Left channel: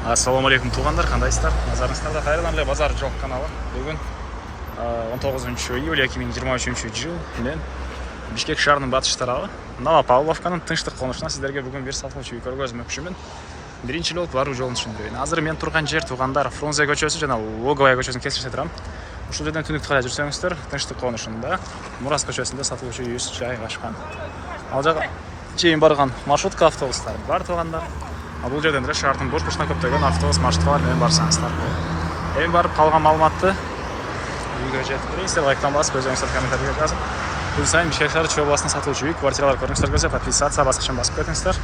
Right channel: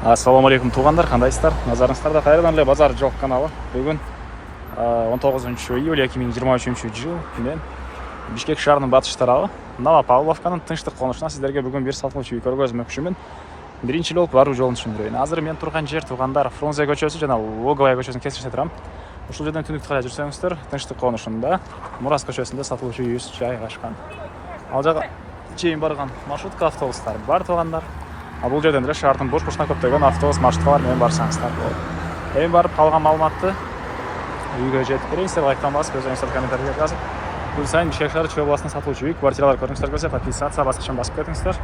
Ассаламу алейкум туғандар, қандайсыздар? Назарыңыздарда қайрадан эле базар жол каналы. Бүгін 19 июль 2023 жыл мен Бишкек шаарынын батыш тарабы Новопавловканын тынчтык конушуна сиздерге бүгүн бир сатылуучу үй көргөзмөкчүмүн. Биринчи эле болуп баруу жолун түшүндүрөйүн. Азыр мен турган жер туғандар Фрунзе көчөсү жана Логовая көчөсүнүн кесинишинде турам. Ушул жерден түнүктү карай жүрсөңүздөр, тынчтык конушунда Мурас көчөсүндө сатылуучу үйүбүз жайгашкан. Ал жака чейин барган маршрутка автобустар бар туғандар. Бул жерден эле шаардын бош-бошуна көптөгөн автобус маршруткалар менен барсаңыздар болот. Эми барып калган маалыматты үйгө жетип берейин. Сиздер лайктан басып, өзүңүздөр комментарийге жазып, күн сайын Бишкек шаары Чүй областынын сатылуучу үй квартиралар көрүңүздөр келсе, подписаться баскычын басып кетиңиздер.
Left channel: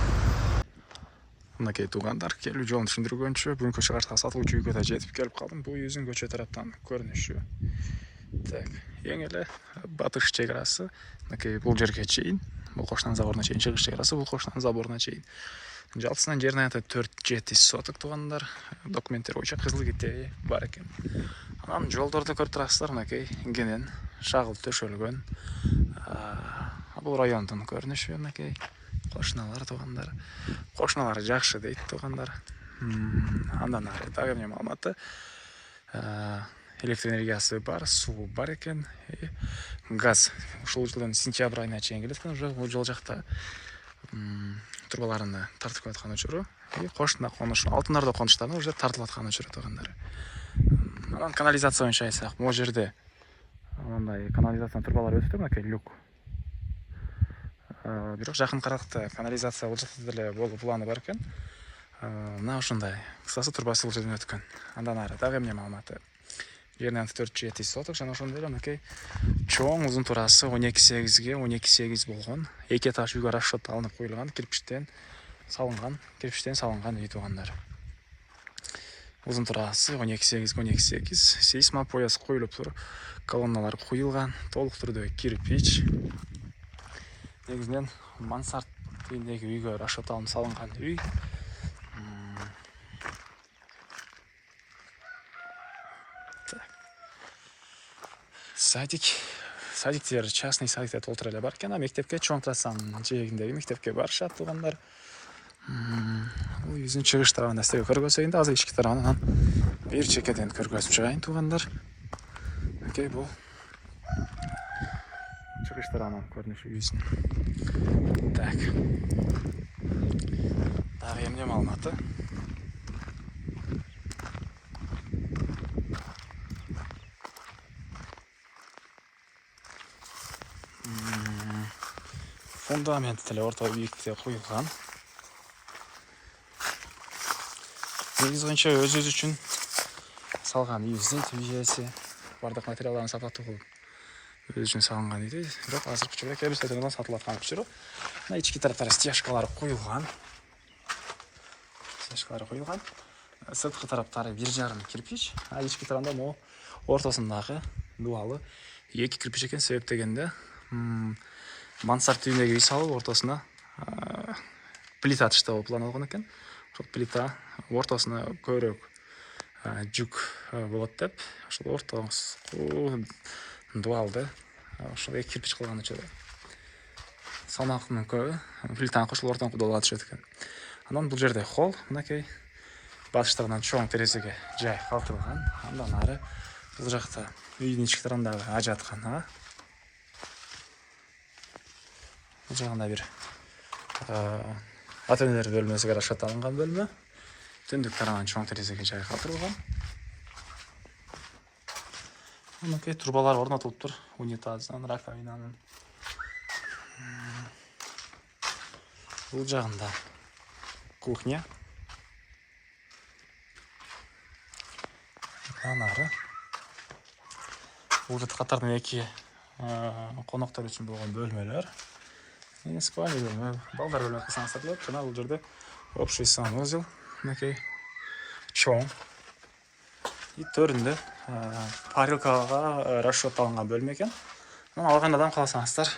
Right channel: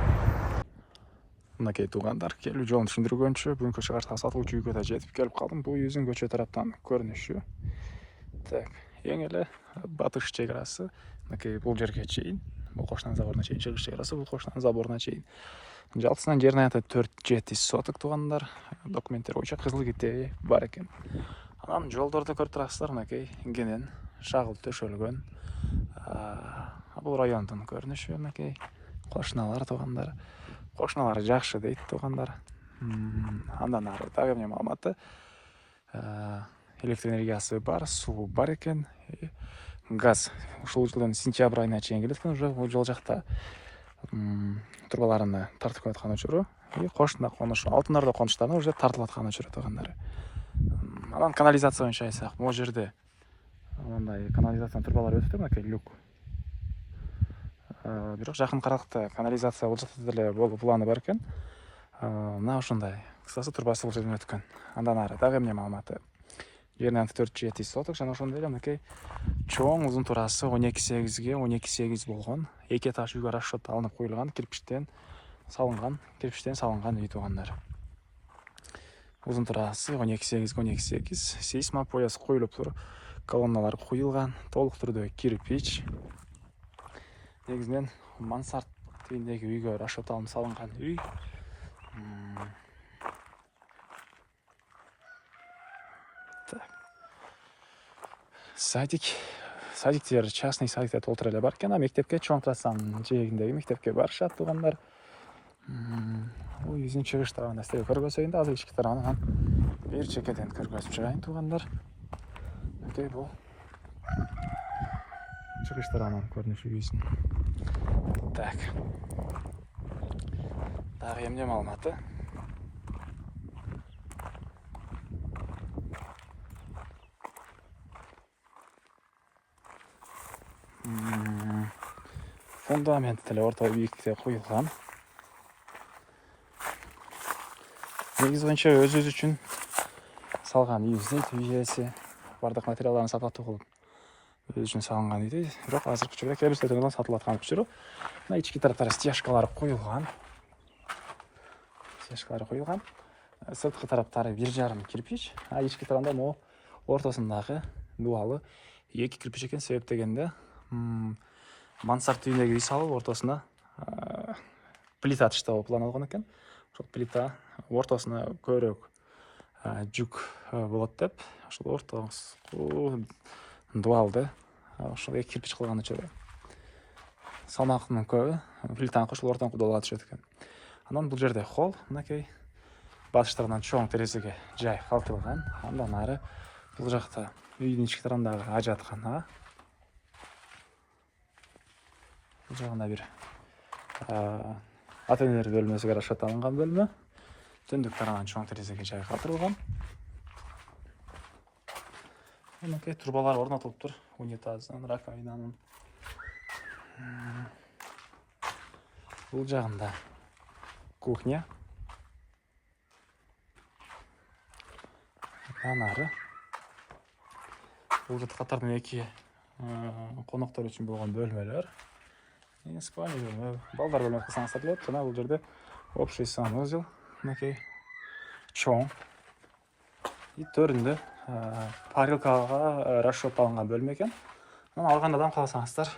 Мынакей тугандар, келүү жолун түшүндүргөнчү бүгүнкү чыгыштагы сатылуучу үйгө да жетип келип калдым. Бул үйүбүздүн көчө тараптан көрүнүшү. Так, эң эле батыш чек арасы. Мынакей бул жерге чейин, бул Кошнан заборуна чейин чыгыш чек арасы, бул Кошнан заборуна чейин. Жалпысынан жердин аянты 4-7 соток тугандар. Документтер боюнча кызыл китеби бар экен. Анан жолдорду көрүп турасыздар, мынакей кенен шагыл төшөлгөн. Бул райондун көрүнүшү, мынакей кошуналар тугандар. Кошуналар жакшы дейт тугандар. Андан ары дагы эмне маалыматы? Электр энергиясы бар, суу бар экен, газ. Ушул жылдын сентябрь айына чейин келет экен, уже бул жол жакта турбаларыны тартып аткан учуру, кошуна конуш, Алтын Ордо конуштарына уже тартылып аткан учуру тугандар. Анан канализация боюнча айтсак, могу жерде мындай канализация турбалары өтүп атат, люк. Бирок жакын каракта канализация бул жакта деле болуп планы бар экен. Мына ушундай кысасы турбасы бул жерден өткөн. Андан ары дагы эмне маалыматы? Жердин аянты 4-7 соток жана ошондой эле мынакей чоң узун турасы 12-8ге 12-8 болгон. Эки этаж үйгө расчет алынып коюлган, кирпичтен салынган үй тугандар. Узун турасы 12-8 сейсма пояс коюлуп тур, колонналар коюлган, толук түрдө кирпич. Негизинен мансард типиндеги үйгө расчет алынып салынган үй. Садиктер, частный садиктер толтура эле бар экен, мектепке чоң трассанын жээгиндеги мектепке барышат тугандар. Бул үйүбүздүн чыгыш тарабында сиздерге көргөзөйүн да, азыр ички тарабынан бир чекеден көргөзүп чыгайын тугандар. Окей, бул чыгыш тарабынан көрүнүшү үйүбүздүн. Так. Дагы эмне маалыматы? Фундамент деле орто бийиктикте коюлган. Негизи боюнча өзүбүз үчүн салган үйүбүздүн тийеси, бардык материалдарын сапаттуу кылып өзү үчүн салган үйдү. Бирок азыркы учурда кээ бир сайтардан сатылып аткан учуру. Мына ички тараптары стяжкалары коюлган. Сырткы тараптары 1,5 кирпич, ички тарабында могу ортосундагы дубалы 2 кирпич экен. Себеп дегенде мансард түйүндөгү үй салып ортосуна плита таштоо планылган экен. Ошол плита ортосуна көбүрөөк жүк болот деп, ошол ортосу дубалды ошол 2 кирпич кылган учурда салмактын көбү плитаны кошуп ортон кудалап түшөт экен. Анан бул жерде холл, мынакей батыш тарабынан чоң терезеге жай калтырылган. Андан ары бул жакта үйдүн ички тарабындагы ажаткана. Бул жагында бир ата-энелер бөлмөсүгө расчет алынган бөлмө. Түндүк тарабынан чоң терезеге жай калтырылган. Мынакей турбалар орнотулуп тур, унитаздын, раковинанын. Бул жагында кухня. Андан ары бул жерде катардын 2 коноктор үчүн болгон бөлмөлөр. Спальня бөлмө, балдар бөлмөсү кылсаңыздар болот. Жана бул жерде общий санузел, мынакей чоң. И төрүндө парилкага расчет алынган бөлмө экен. Анан алгандан калсаңыздар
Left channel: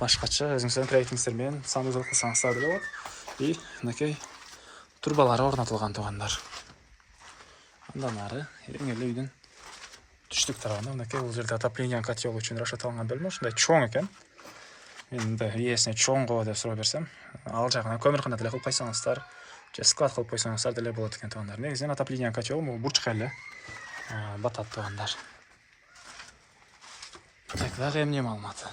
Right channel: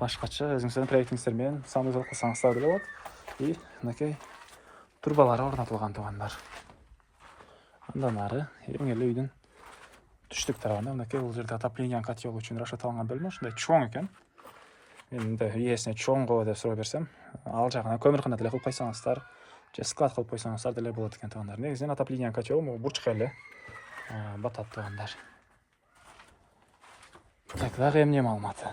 башкача өзүңүздөрдүн проектиңиздер менен санузел кылсаңыздар деле болот. И мынакей турбалары орнотулган тугандар. Андан ары эң эле үйдүн түштүк тарабында мынакей бул жерде отопление котел үчүн расчет алынган бөлмө. Ушундай чоң экен. Мен ээсине чоң го деп суроо берсем, ал жагына көмүркана деле кылып койсоңуздар же склад кылып койсоңуздар деле болот экен туугандар. Негизинен отопление котелу могу бурчка эле батат туугандар. Так, дагы эмне маалыматы?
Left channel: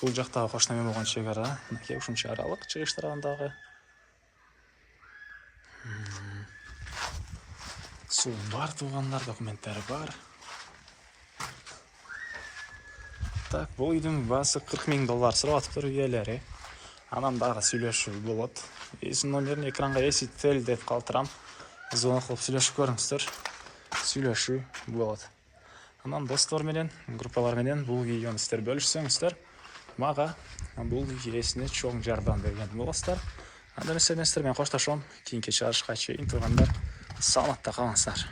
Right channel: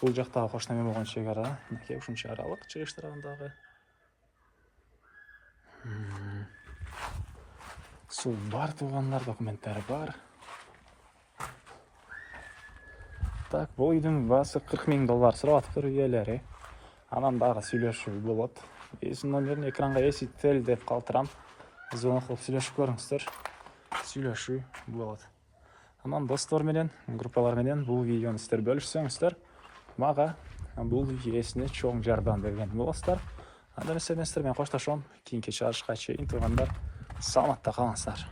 Бул жактагы кош неме болгон чек ара, мынакей ушунча аралык чыгыш тарабындагы. Суу бар туугандар, документтери бар. Так, бул үйдүн баасы $40,000 сурап атыптыр ээлери. Анан дагы сүйлөшүү болот. Эсин номерин экранга эсител деп калтырам. Звонок кылып сүйлөшүп көрүңүздөр. Сүйлөшүү болот. Анан достор менен, группалар менен бул видеону сиздер бөлүшсөңүздөр, мага бул ээсине чоң жардам берген болосуздар. Анда эмесе сиздер менен коштошом. Кийинки чыгарышка чейин туугандар, саламатта калыңыздар.